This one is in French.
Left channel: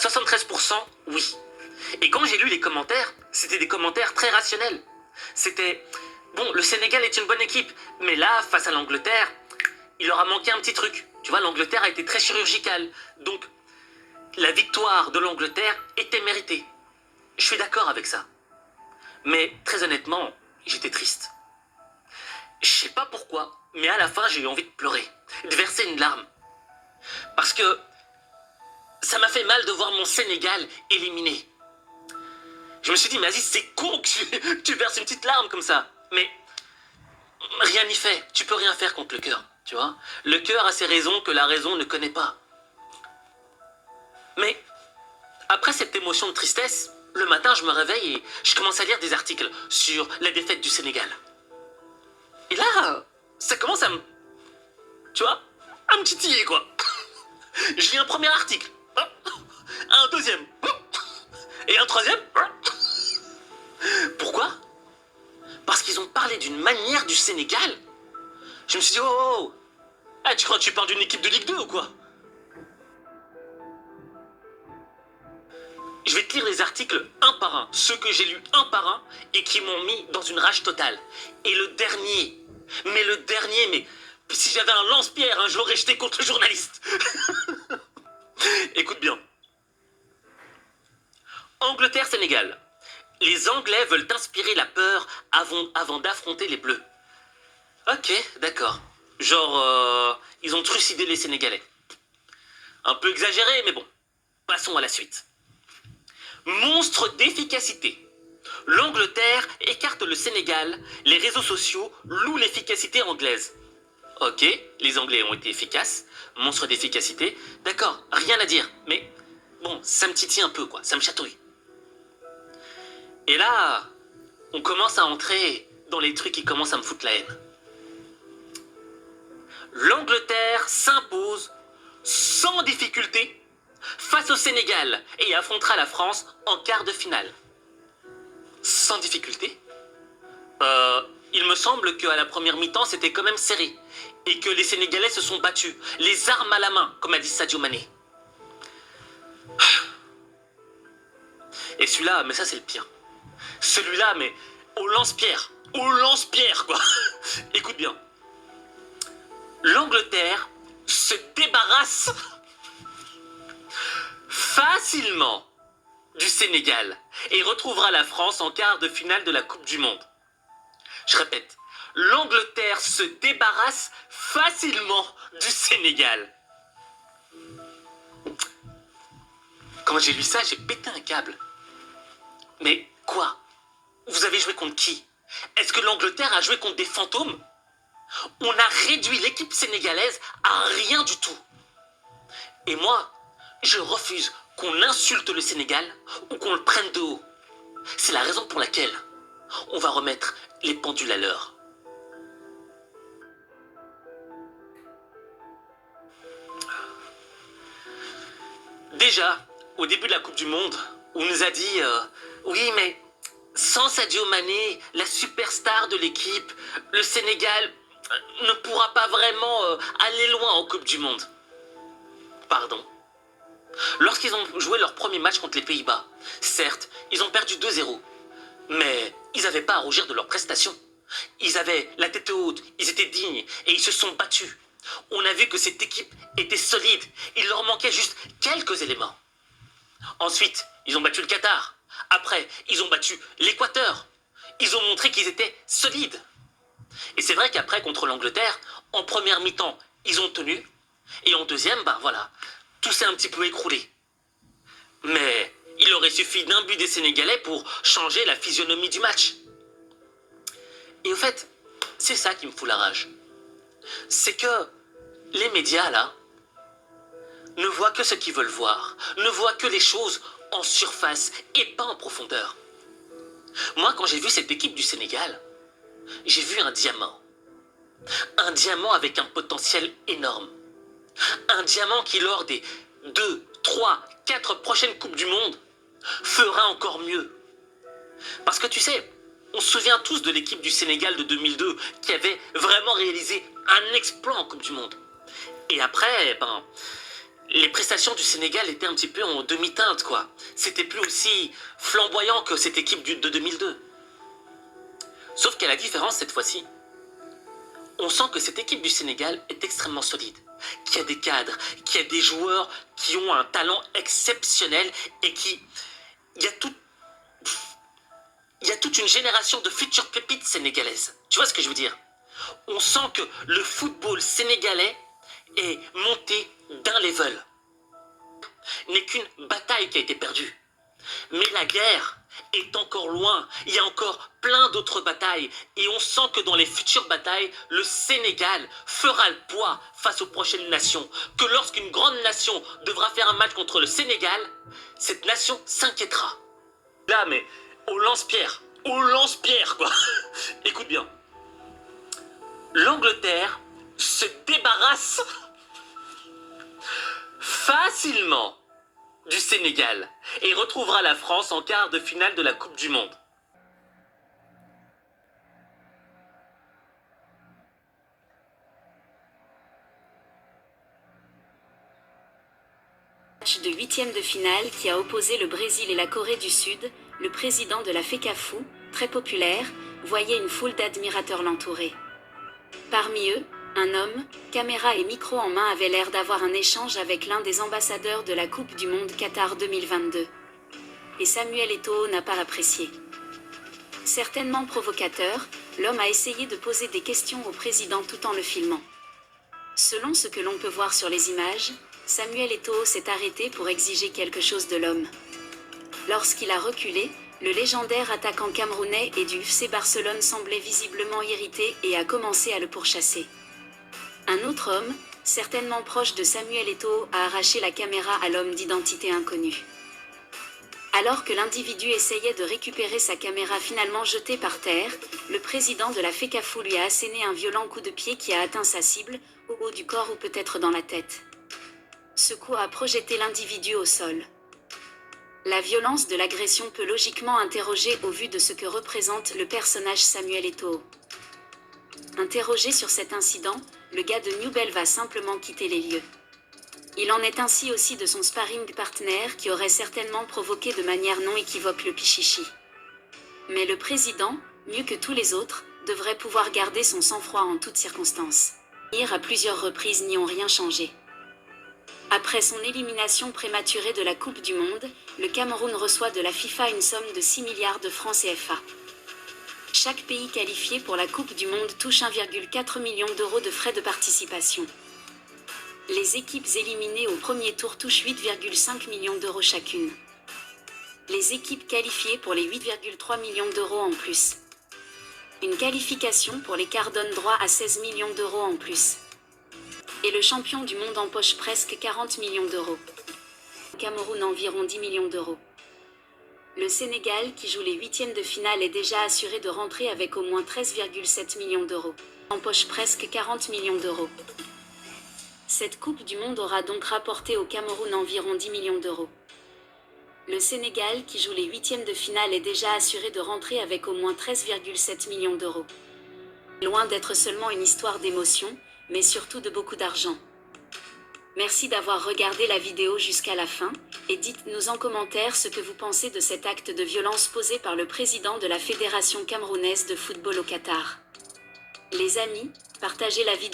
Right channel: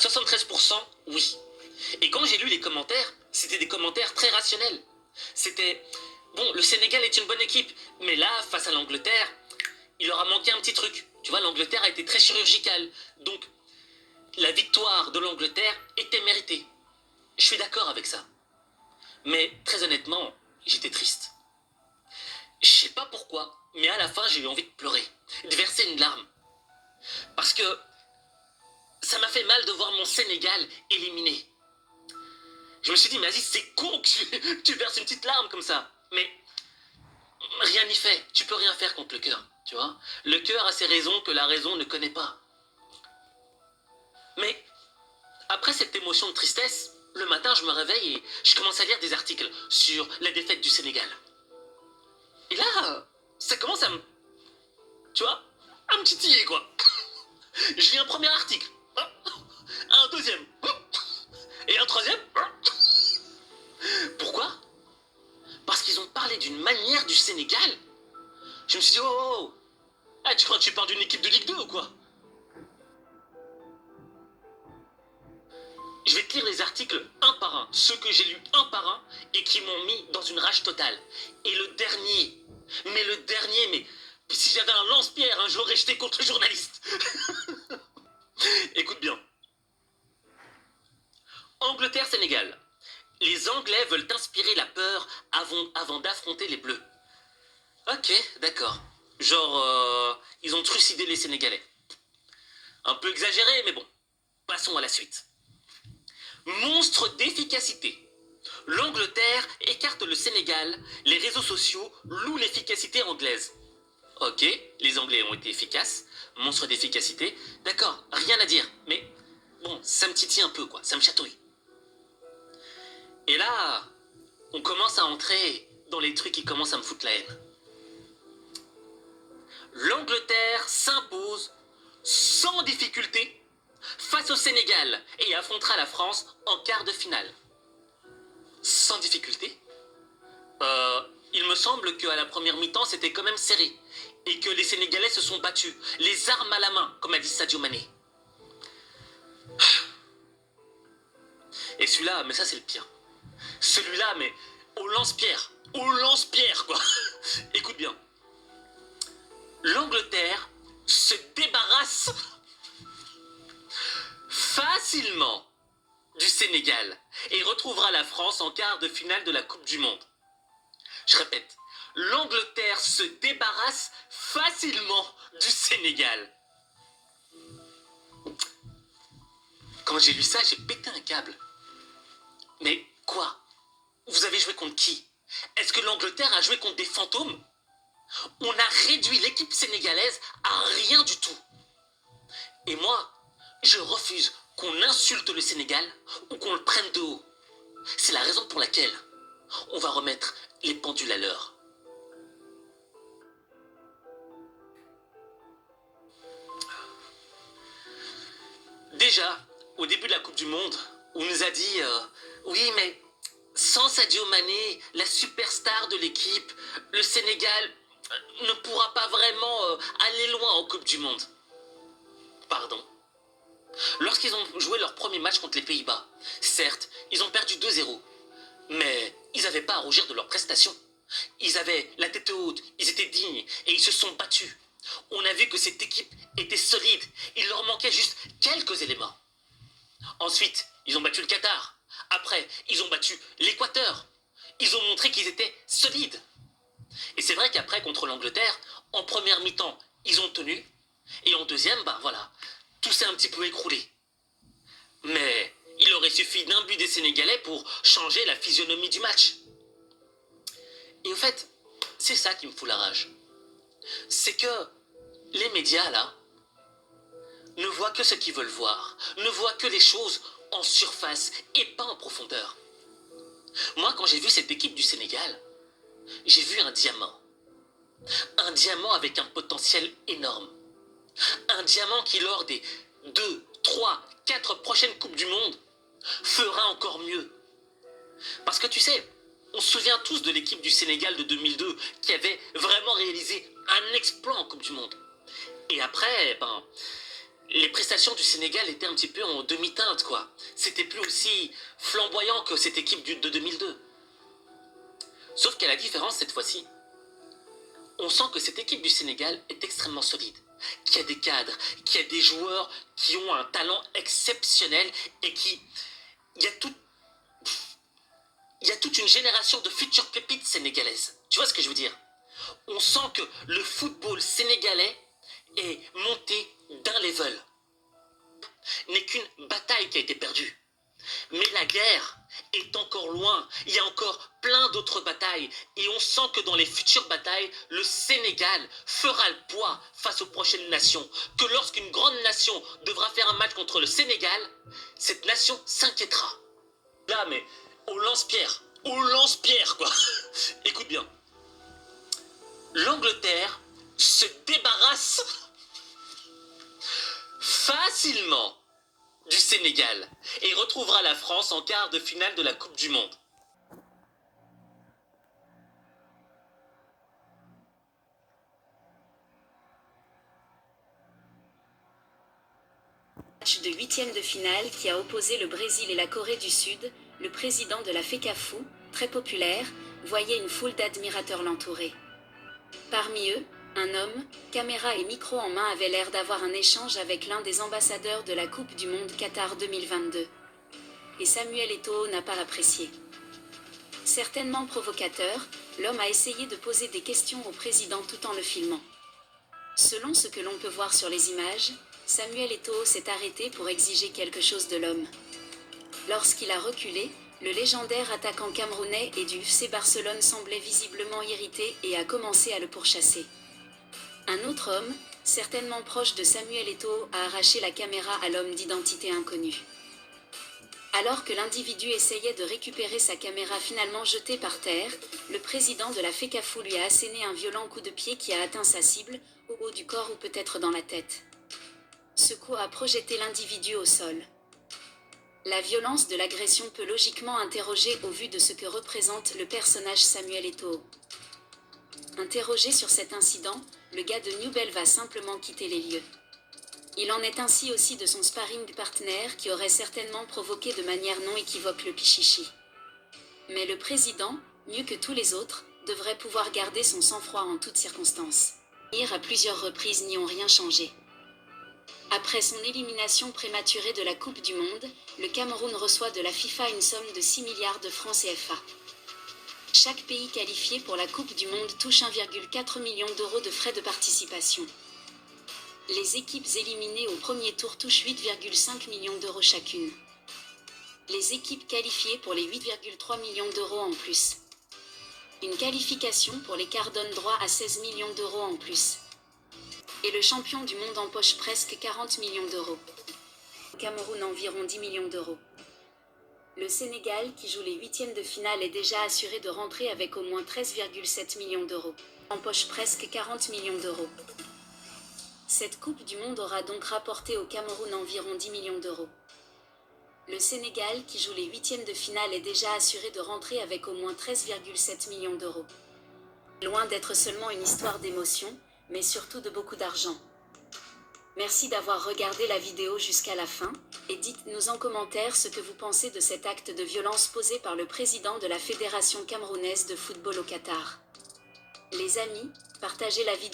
73%, oui. Et quand j'ai lu les commentaires, c'était des commentaires très rationnels. C'était, bon, le Sénégal est une bonne équipe, mais là, face à l'Angleterre, il leur a manqué un petit truc. Tu vois, l'Angleterre a été très chirurgicale. Donc, la victoire de l'Angleterre était méritée. Je suis d'accord avec ça. Mais très honnêtement, j'étais triste. Je sais pas pourquoi, mais à la fin, j'ai eu envie de pleurer, de verser une larme. Parce que ça m'a fait mal de voir mon Sénégal éliminé. Je me suis dit, mais Aziz, c'est con que tu verses une petite larme comme ça. Mais rien n'y fait. Tu peux rien faire contre le cœur, tu vois. Le cœur a ses raisons que la raison ne connaît pas. Mais après cette émotion de tristesse, le matin, je me réveille et je commence à lire des articles sur la défaite du Sénégal. Et là, ça commence à me... Tu vois, à me titiller, quoi. Je lis un premier article, un deuxième, et un troisième. Pourquoi? Parce qu'ils ont parlé d'une manière du Sénégal. Je me suis dit, oh, ah, tu crois que tu parles d'une équipe de Ligue 2 ou quoi? Je vais te lire les articles un par un, ceux que j'ai lus un par un et qui m'ont mis dans une rage totale. Et le dernier, mais si j'avais un lance-pierre, hein, je l'aurais jeté contre le journaliste. Écoute bien. Angleterre-Sénégal. Les Anglais veulent inspirer la peur avant d'affronter les Bleus. Ok, d'accord. Genre, ils ont trucidé les Sénégalais. Un peu exagéré, mais bon. Passons à la suite. Monstre d'efficacité. L'Angleterre écarte le Sénégal, les réseaux sociaux louent l'efficacité anglaise. Ok, les Anglais ont été efficaces, monstre d'efficacité, d'accord, rien à dire, mais bon, ça me titille un peu, quoi, ça me chatouille. Et là, on commence à entrer dans les trucs qui commencent à me foutre la haine. L'Angleterre s'impose sans difficulté face au Sénégal et affrontera la France en quart de finale. Sans difficulté. Il me semble qu'à la première mi-temps, c'était quand même serré. Et que les Sénégalais se sont battus, les armes à la main, comme a dit Sadio Mané. Et celui-là, mais ça c'est le pire. Celui-là, mais au lance-pierre, quoi. Écoute bien. L'Angleterre se débarrasse facilement du Sénégal et retrouvera la France en quart de finale de la Coupe du Monde. Je répète, l'Angleterre se débarrasse facilement du Sénégal. Quand j'ai lu ça, j'ai pété un câble. Mais quoi? Vous avez joué contre qui? Est-ce que l'Angleterre a joué contre des fantômes? On a réduit l'équipe sénégalaise à rien du tout. Et moi, je refuse qu'on insulte le Sénégal ou qu'on le prenne de haut. C'est la raison pour laquelle on va remettre les pendules à l'heure. Déjà, au début de la Coupe du Monde, on nous a dit oui, mais sans Sadio Mané, la superstar de l'équipe, le Sénégal ne pourra pas vraiment aller loin en Coupe du Monde. Pardon. Lorsqu'ils ont joué leur premier match contre les Pays-Bas, certes, ils ont perdu 2-0, mais ils n'avaient pas à rougir de leur prestation. Ils avaient la tête haute, ils étaient dignes et ils se sont battus. On a vu que cette équipe était solide, il leur manquait juste quelques éléments. Ensuite, ils ont battu le Qatar. Après, ils ont battu l'Équateur. Ils ont montré qu'ils étaient solides. Et c'est vrai qu'après, contre l'Angleterre, en première mi-temps, ils ont tenu. Et en deuxième, ben voilà, tout s'est un petit peu écroulé. Mais il aurait suffi d'un but des Sénégalais pour changer la physionomie du match. Et au fait, c'est ça qui me fout la rage. C'est que les médias, là, ne voient que ce qu'ils veulent voir, ne voient que les choses en surface et pas en profondeur. Moi, quand j'ai vu cette équipe du Sénégal, j'ai vu un diamant. Un diamant avec un potentiel énorme. Un diamant qui, lors des 2, 3, 4 prochaines Coupes du Monde, fera encore mieux. Parce que tu sais, on se souvient tous de l'équipe du Sénégal de 2002 qui avait vraiment réalisé un exploit en Coupe du Monde. Et après, ben, les prestations du Sénégal étaient un petit peu en demi-teinte, quoi. C'était plus aussi flamboyant que cette équipe de 2002. Sauf qu'à la différence cette fois-ci, on sent que cette équipe du Sénégal est extrêmement solide, qu'il y a des cadres, qu'il y a des joueurs qui ont un talent exceptionnel et qui... Il y a tout... Il y a toute une génération de futures pépites sénégalaises. Tu vois ce que je veux dire? On sent que le football sénégalais est monté d'un level. N'est qu'une bataille qui a été perdue. Mais la guerre est encore loin. Il y a encore plein d'autres batailles. Et on sent que dans les futures batailles, le Sénégal fera le poids face aux prochaines nations. Que lorsqu'une grande nation devra faire un match contre le Sénégal, cette nation s'inquiétera. Là, mais au lance-pierre. Au lance-pierre, quoi. Écoute bien. L'Angleterre se débarrasse facilement du Sénégal et retrouvera la France en quart de finale de la Coupe du Monde. Match de huitième de finale qui a opposé le Brésil et la Corée du Sud, le président de la FECAFOU, très populaire, voyait une foule d'admirateurs l'entourer. Parmi eux, un homme, caméra et micro en main, avait l'air d'avoir un échange avec l'un des ambassadeurs de la Coupe du Monde Qatar 2022. Et Samuel Eto'o n'a pas apprécié. Certainement provocateur, l'homme a essayé de poser des questions au président tout en le filmant. Selon ce que l'on peut voir sur les images, Samuel Eto'o s'est arrêté pour exiger quelque chose de l'homme. Lorsqu'il a reculé, le légendaire attaquant camerounais et du FC Barcelone semblait visiblement irrité et a commencé à le pourchasser. Un autre homme, certainement proche de Samuel Eto'o, a arraché la caméra à l'homme d'identité inconnue. Alors que l'individu essayait de récupérer sa caméra finalement jetée par terre, le président de la FECAFOU lui a asséné un violent coup de pied qui a atteint sa cible, au haut du corps ou peut-être dans la tête. Ce coup a projeté l'individu au sol. La violence de l'agression peut logiquement interroger au vu de ce que représente le personnage Samuel Eto'o. Interrogé sur cet incident, le gars de Newbell va simplement quitter les lieux. Il en est ainsi aussi de son sparring partner qui aurait certainement provoqué de manière non équivoque le pichichi. Mais le président, mieux que tous les autres, devrait pouvoir garder son sang-froid en toutes circonstances. À plusieurs reprises n'y ont rien changé. Après son élimination prématurée de la Coupe du Monde, le Cameroun reçoit de la FIFA une somme de 6 milliards de francs CFA. Chaque pays qualifié pour la Coupe du Monde touche 1,4 million d'euros de frais de participation. Les équipes éliminées au premier tour touchent 8,5 millions d'euros chacune. Les équipes qualifiées pour les 8,3 millions d'euros en plus. Une qualification pour les quarts donne droit à 16 millions d'euros en plus. Et le champion du monde empoche presque 40 millions d'euros. Au Cameroun environ 10 millions d'euros. Le Sénégal, qui joue les huitièmes de finale, est déjà assuré de rentrer avec au moins 13,7 millions d'euros. Empoche presque 40 millions d'euros. Cette Coupe du Monde aura donc rapporté au Cameroun environ 10 millions d'euros. Le Sénégal, qui joue les huitièmes de finale, est déjà assuré de rentrer avec au moins 13,7 millions d'euros. Loin d'être seulement une histoire d'émotion, mais surtout de beaucoup d'argent. Merci d'avoir regardé la vidéo jusqu'à la fin, et dites-nous en commentaire ce que vous pensez de cet acte de violence posé par le président de la Fédération camerounaise de football au Qatar. Les amis, partagez la vidéo.